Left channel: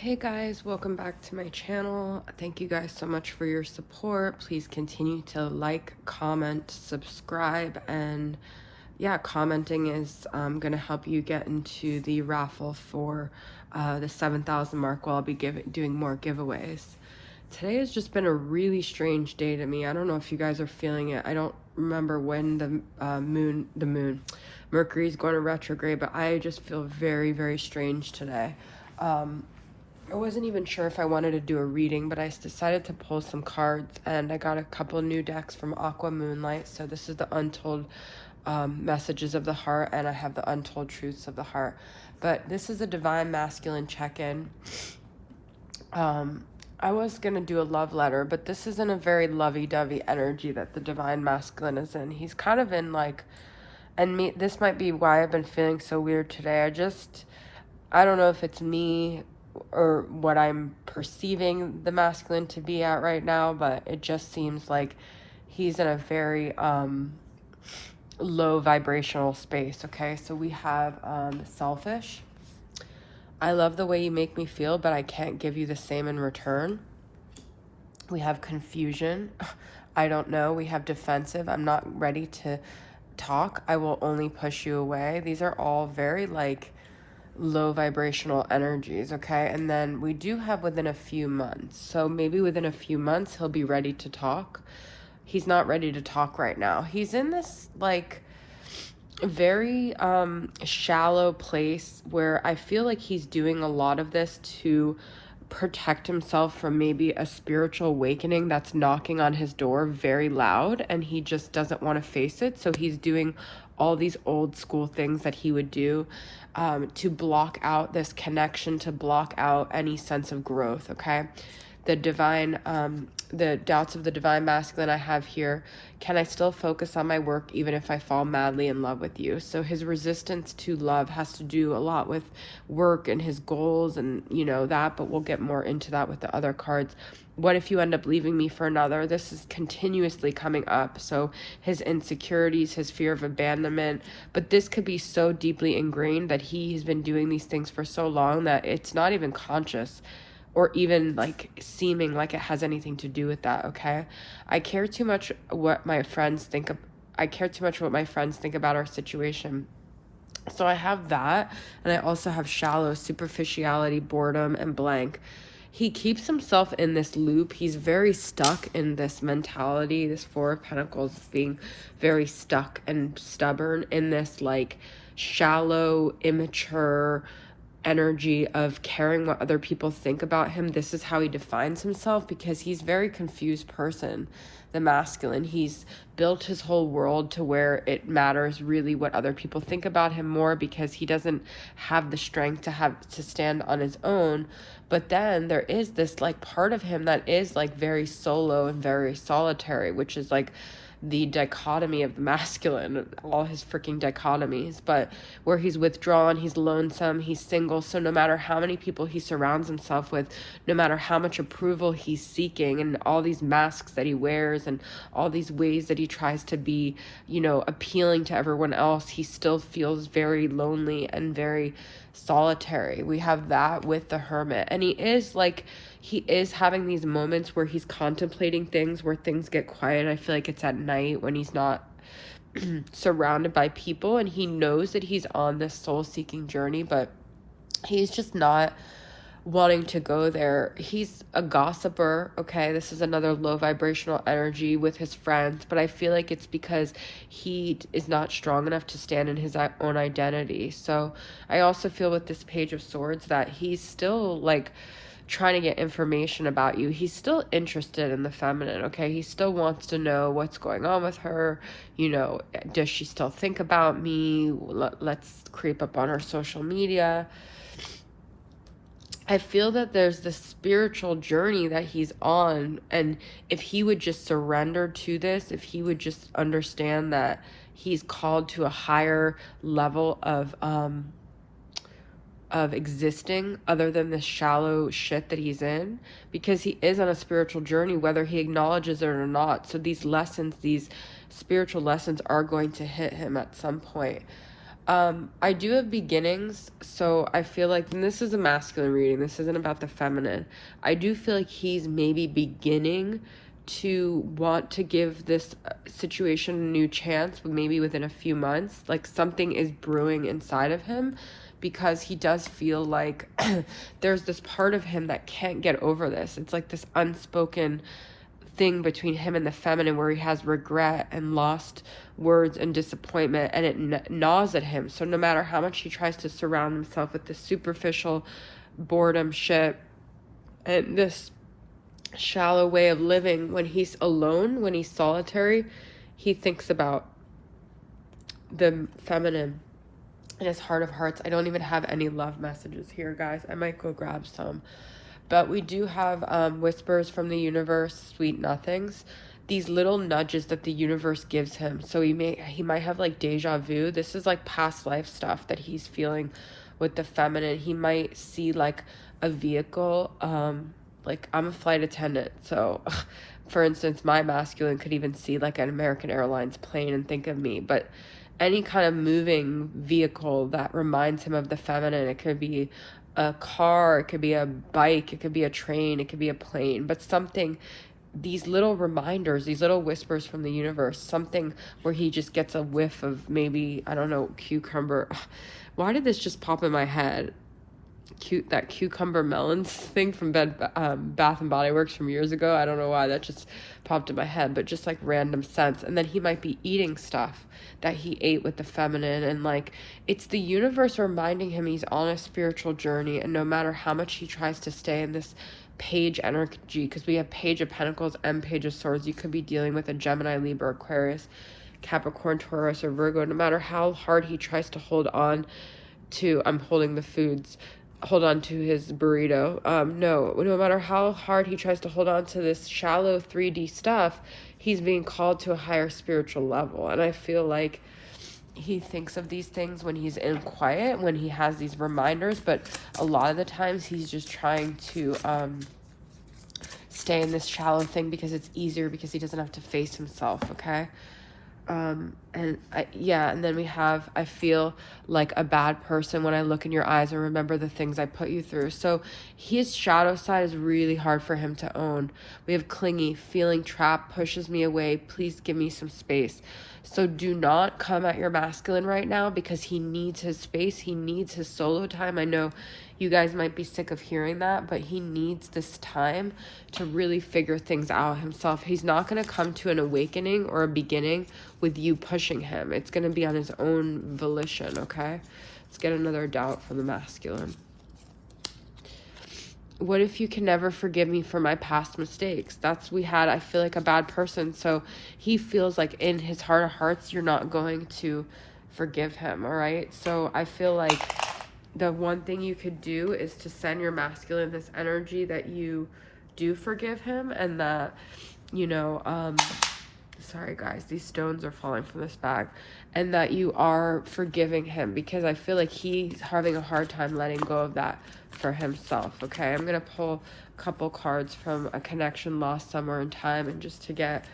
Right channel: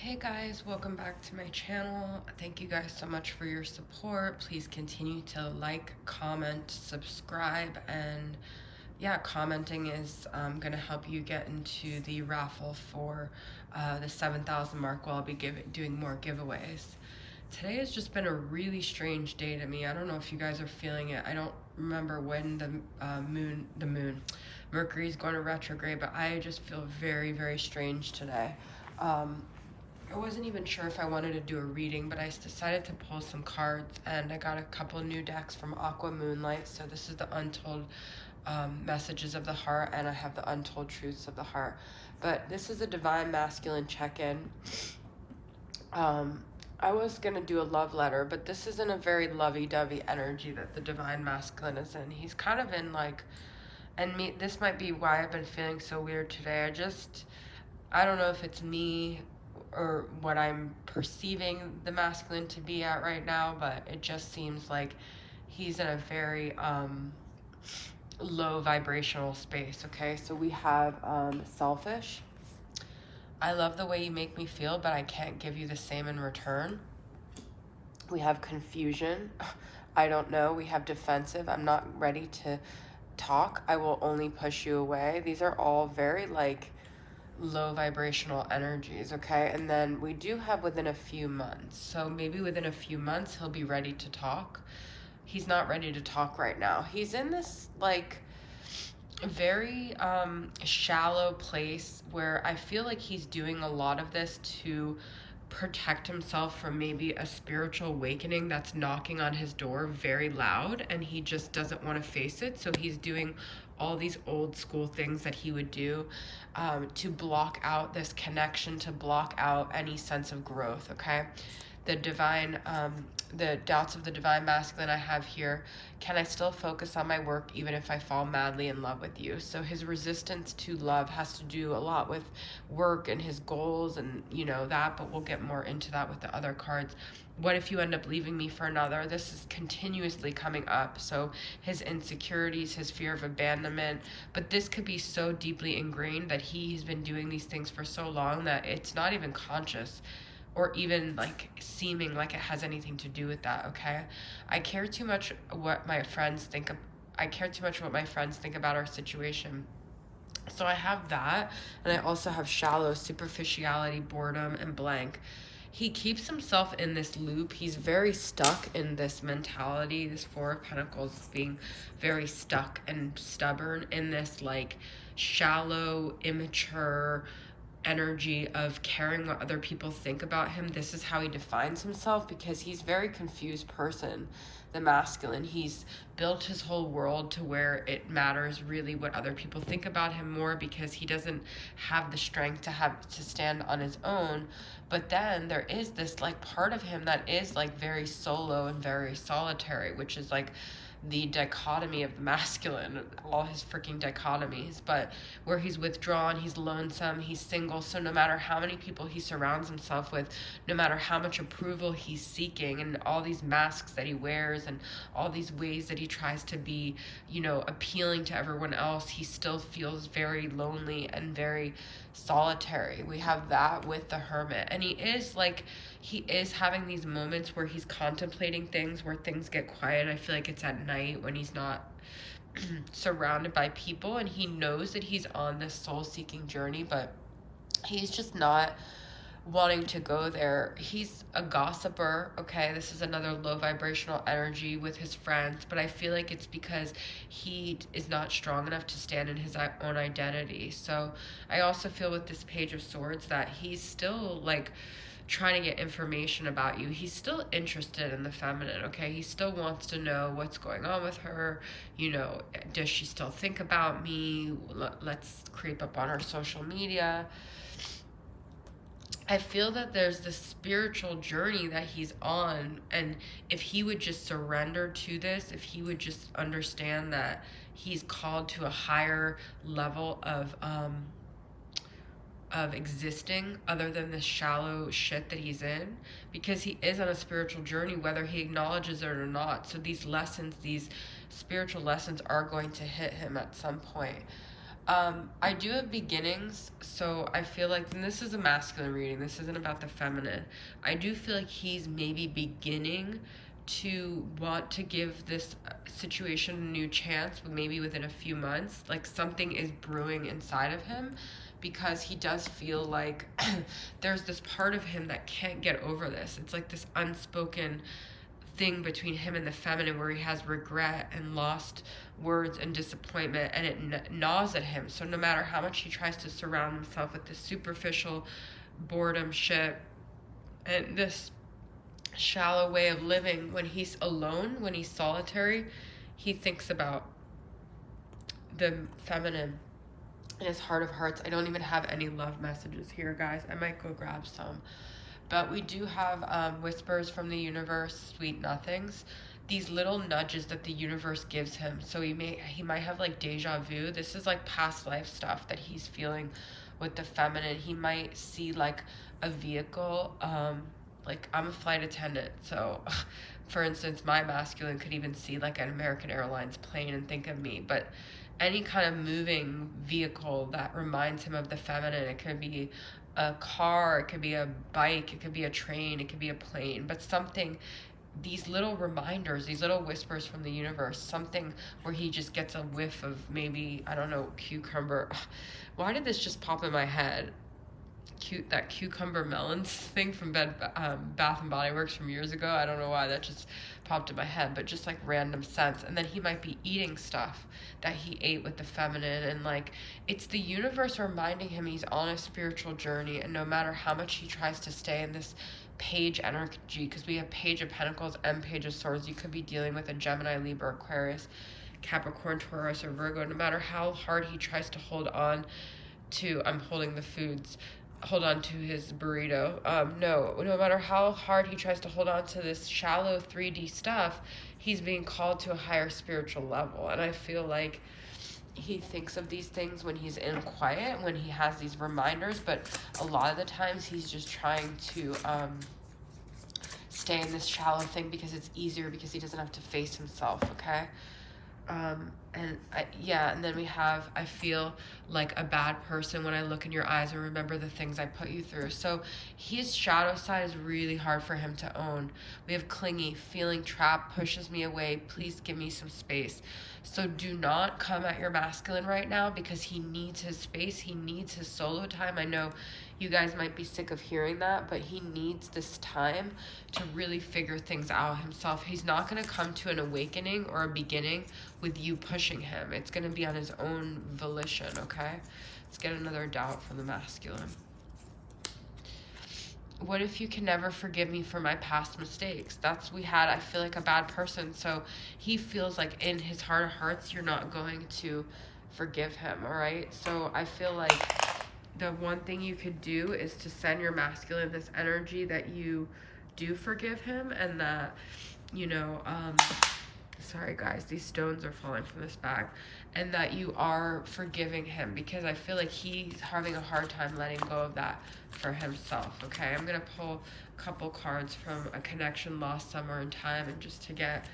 Hey guys, welcome back to my channel. Thank you guys so much for your support. Please continue to like, comment, subscribe, and yeah, commenting is going to help you get into the raffle for the 7,000 mark while I'll be doing more giveaways. Today has just been a really strange day to me. I don't know if you guys are feeling it. I don't remember when the Mercury is going to retrograde, but I just feel very, very strange today. I wasn't even sure if I wanted to do a reading, but I decided to pull some cards, and I got a couple new decks from Aqua Moonlight. So this is the Untold Messages of the Heart, and I have the Untold Truths of the Heart. But this is a Divine Masculine check-in. I was going to do a love letter, but this isn't a very lovey-dovey energy that the Divine Masculine is in. He's kind of in like, this might be why I've been feeling so weird today. I don't know if it's me or what I'm perceiving the masculine to be at right now, but it just seems like he's in a very low vibrational space. Okay, so we have selfish. I love the way you make me feel, but I can't give you the same in return. We have confusion. I don't know. We have defensive. I'm not ready to talk. I will only push you away. These are all very like low vibrational energies. Okay, and then we do have within a few months, so maybe within a few months he'll be ready to talk. He's not ready to talk right now. He's in this like very shallow place where I feel like he's doing a lot of this to protect himself from maybe a spiritual awakening that's knocking on his door very loud, and he just doesn't want to face it. So he's doing all these old school things that he would do to block out this connection, to block out any sense of growth. Okay, the doubts of the Divine Masculine I have here. Can I still focus on my work even if I fall madly in love with you? So his resistance to love has to do a lot with work and his goals and that, but we'll get more into that with the other cards. What if you end up leaving me for another? This is continuously coming up. So his insecurities, his fear of abandonment, but this could be so deeply ingrained that he's been doing these things for so long that it's not even conscious or even like seeming like it has anything to do with that. Okay, I care too much what my friends think of. I care too much what my friends think about our situation. So I have that, and I also have shallow, superficiality, boredom, and blank. He keeps himself in this loop. He's very stuck in this mentality, this Four of Pentacles, being very stuck and stubborn in this like shallow, immature energy of caring what other people think about him. This is how he defines himself, because he's a very confused person, the masculine. He's built his whole world to where it matters really what other people think about him more, because he doesn't have the strength to stand on his own. But then there is this like part of him that is like very solo and very solitary, which is like the dichotomy of the masculine, all his freaking dichotomies, but where he's withdrawn, he's lonesome, he's single. So no matter how many people he surrounds himself with, no matter how much approval he's seeking, and all these masks that he wears and all these ways that he tries to be, appealing to everyone else, he still feels very lonely and very solitary. We have that with the Hermit, and he is having these moments where he's contemplating things, where things get quiet. I feel like it's at night when he's not surrounded by people, and he knows that he's on this soul-seeking journey, but he's just not wanting to go there. He's a gossiper. Okay, this is another low vibrational energy with his friends, but I feel like it's because he is not strong enough to stand in his own identity. So I also feel with this Page of Swords that he's still like trying to get information about you. He's still interested in the feminine. Okay, he still wants to know what's going on with her. Does she still think about me? Let's creep up on her social media. I feel that there's this spiritual journey that he's on, and if he would just surrender to this, if he would just understand that he's called to a higher level of existing other than this shallow shit that he's in, because he is on a spiritual journey whether he acknowledges it or not. So these lessons, these spiritual lessons, are going to hit him at some point. I do have beginnings, so I feel like, and this is a masculine reading, this isn't about the feminine. I do feel like he's maybe beginning to want to give this situation a new chance, maybe within a few months. Like something is brewing inside of him, because he does feel like there's this part of him that can't get over this. It's like this unspoken thing between him and the feminine where he has regret and lost words and disappointment, and it gnaws at him. So no matter how much he tries to surround himself with this superficial boredom shit and this shallow way of living, when he's alone, when he's solitary, he thinks about the feminine in his heart of hearts. I don't even have any love messages here, guys. I might go grab some. But we do have whispers from the universe, sweet nothings. These little nudges that the universe gives him. So he might have like deja vu. This is like past life stuff that he's feeling with the feminine. He might see like a vehicle. Like I'm a flight attendant, so for instance, my masculine could even see like an American Airlines plane and think of me. But any kind of moving vehicle that reminds him of the feminine, it could be a car, it could be a bike, it could be a train, it could be a plane, but something, these little reminders, these little whispers from the universe, something where he just gets a whiff of maybe, I don't know, cucumber. Why did this just pop in my head? That cucumber melons thing from Bath and Body Works from years ago. I don't know why that just popped in my head, but just like random scents. And then he might be eating stuff that he ate with the feminine, and like it's the universe reminding him he's on a spiritual journey, and no matter how much he tries to stay in this page energy, because we have Page of Pentacles and Page of Swords, you could be dealing with a Gemini, Libra, Aquarius, Capricorn, Taurus, or Virgo. No matter how hard he tries to hold on to, I'm holding the foods, hold on to his burrito. No matter how hard he tries to hold on to this shallow 3D stuff, he's being called to a higher spiritual level. And I feel like he thinks of these things when he's in quiet, when he has these reminders, but a lot of the times he's just trying to stay in this shallow thing because it's easier, because he doesn't have to face himself, okay? And then we have, I feel like a bad person when I look in your eyes and remember the things I put you through. So his shadow side is really hard for him to own. We have clingy, feeling trapped, pushes me away, please give me some space. So do not come at your masculine right now, because he needs his space, he needs his solo time. I know you guys might be sick of hearing that, but he needs this time to really figure things out himself. He's not going to come to an awakening or a beginning with you pushing him. It's going to be on his own volition, okay? Let's get another doubt from the masculine. What if you can never forgive me for my past mistakes? That's, we had, I feel like, a bad person. So he feels like in his heart of hearts, you're not going to forgive him, all right? So I feel like the one thing you could do is to send your masculine this energy that you do forgive him, and that, you know, sorry guys, these stones are falling from this bag, and that you are forgiving him, because I feel like he's having a hard time letting go of that for himself, okay? I'm gonna pull a couple cards from a connection lost somewhere in time, and just to get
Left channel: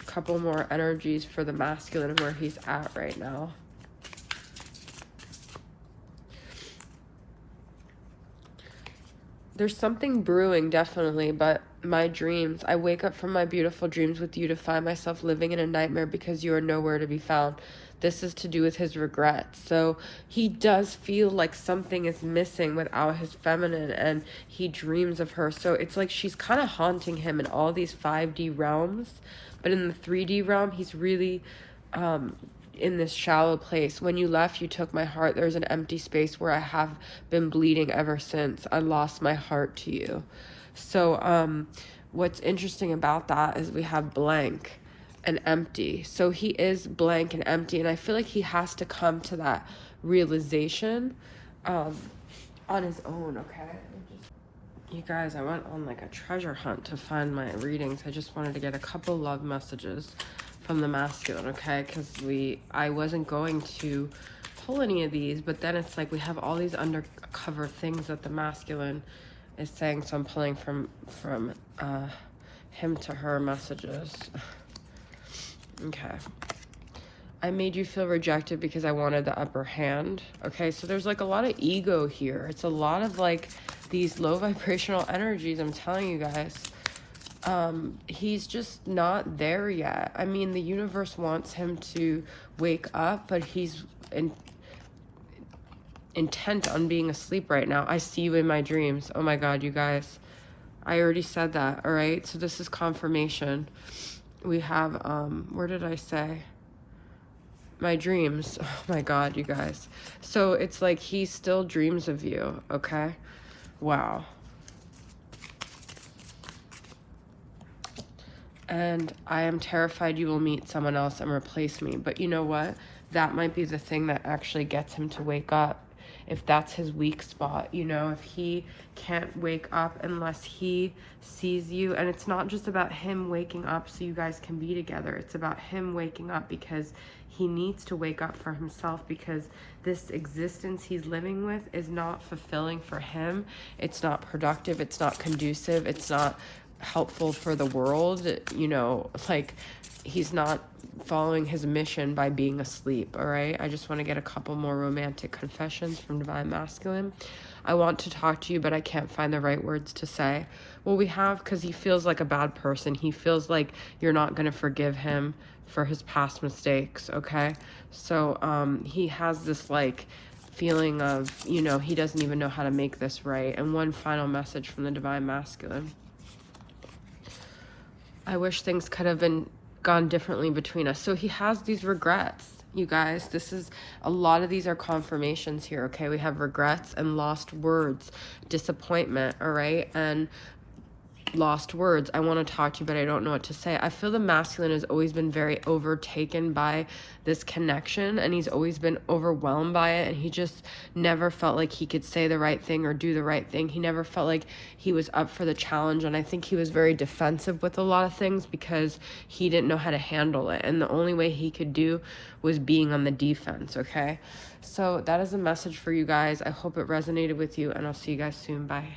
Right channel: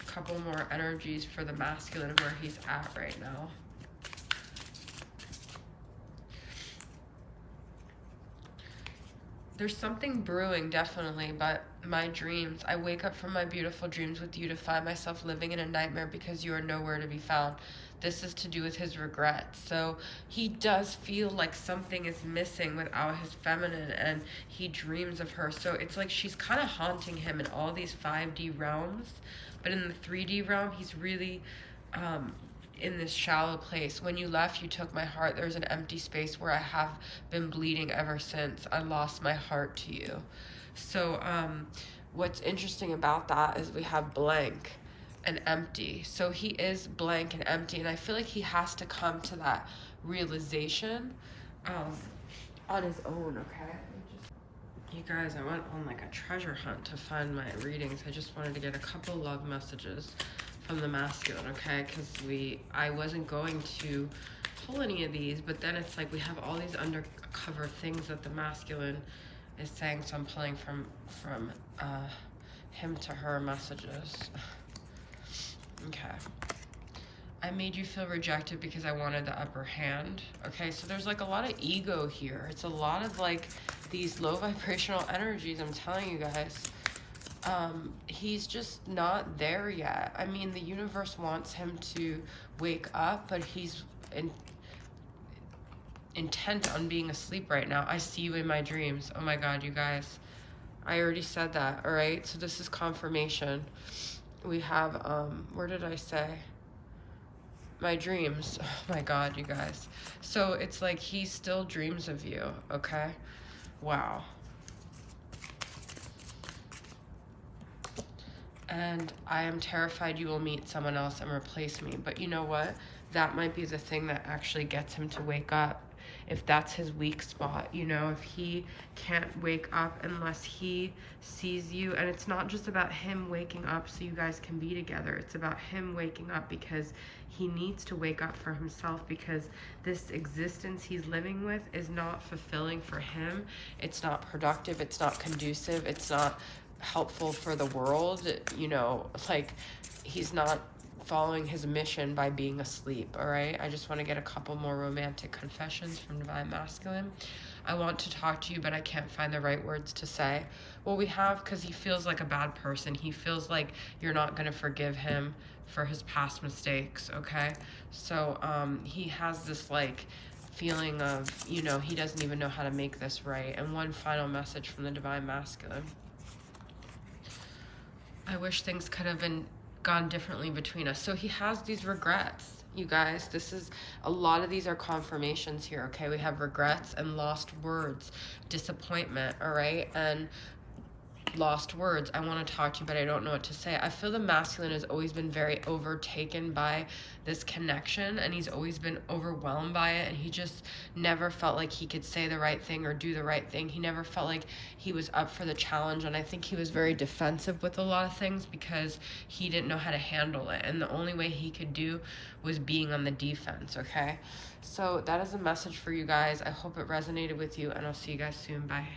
a couple more energies for the masculine where he's at right now. There's something brewing, definitely, but my dreams, I wake up from my beautiful dreams with you to find myself living in a nightmare because you are nowhere to be found. This is to do with his regret. So he does feel like something is missing without his feminine, and he dreams of her. So it's like she's kind of haunting him in all these 5D realms, but in the 3D realm, he's really in this shallow place. When you left, you took my heart. There's an empty space where I have been bleeding ever since. I lost my heart to you. So what's interesting about that is we have blank and empty. So he is blank and empty, and I feel like he has to come to that realization on his own, okay? You guys, I went on like a treasure hunt to find my readings. I just wanted to get a couple love messages from the masculine, okay? Because I wasn't going to pull any of these, but then it's like we have all these undercover things that the masculine is saying, so I'm pulling from him to her messages. Okay. I made you feel rejected because I wanted the upper hand. Okay, so there's like a lot of ego here. It's a lot of like these low vibrational energies, I'm telling you guys. He's just not there yet. I mean, the universe wants him to wake up, but he's intent on being asleep right now. I see you in my dreams. Oh my God, you guys. I already said that, all right? So this is confirmation. We have, where did I say? My dreams. Oh my God, you guys. So it's like he still dreams of you, okay? Wow. And I am terrified you will meet someone else and replace me. But you know what? That might be the thing that actually gets him to wake up. If that's his weak spot, you know, if he can't wake up unless he sees you. And it's not just about him waking up so you guys can be together. It's about him waking up because he needs to wake up for himself, because this existence he's living with is not fulfilling for him. It's not productive. It's not conducive. It's not helpful for the world. You know, like, he's not following his mission by being asleep. All right, I just want to get a couple more romantic confessions from Divine Masculine. I want to talk to you, but I can't find the right words to say. Well, we have, because he feels like a bad person. He feels like you're not going to forgive him for his past mistakes. Okay, so he has this like feeling of, you know, he doesn't even know how to make this right. And one final message from the Divine Masculine. I wish things could have gone differently between us. So he has these regrets, you guys. This is, a lot of these are confirmations here, okay? We have regrets and lost words, disappointment, all right? And lost words. I want to talk to you, but I don't know what to say. I feel the masculine has always been very overtaken by this connection, and he's always been overwhelmed by it, and he just never felt like he could say the right thing or do the right thing. He never felt like he was up for the challenge, and I think he was very defensive with a lot of things because he didn't know how to handle it, and the only way he could do was being on the defense, okay? So that is a message for you guys. I hope it resonated with you, and I'll see you guys soon. Bye.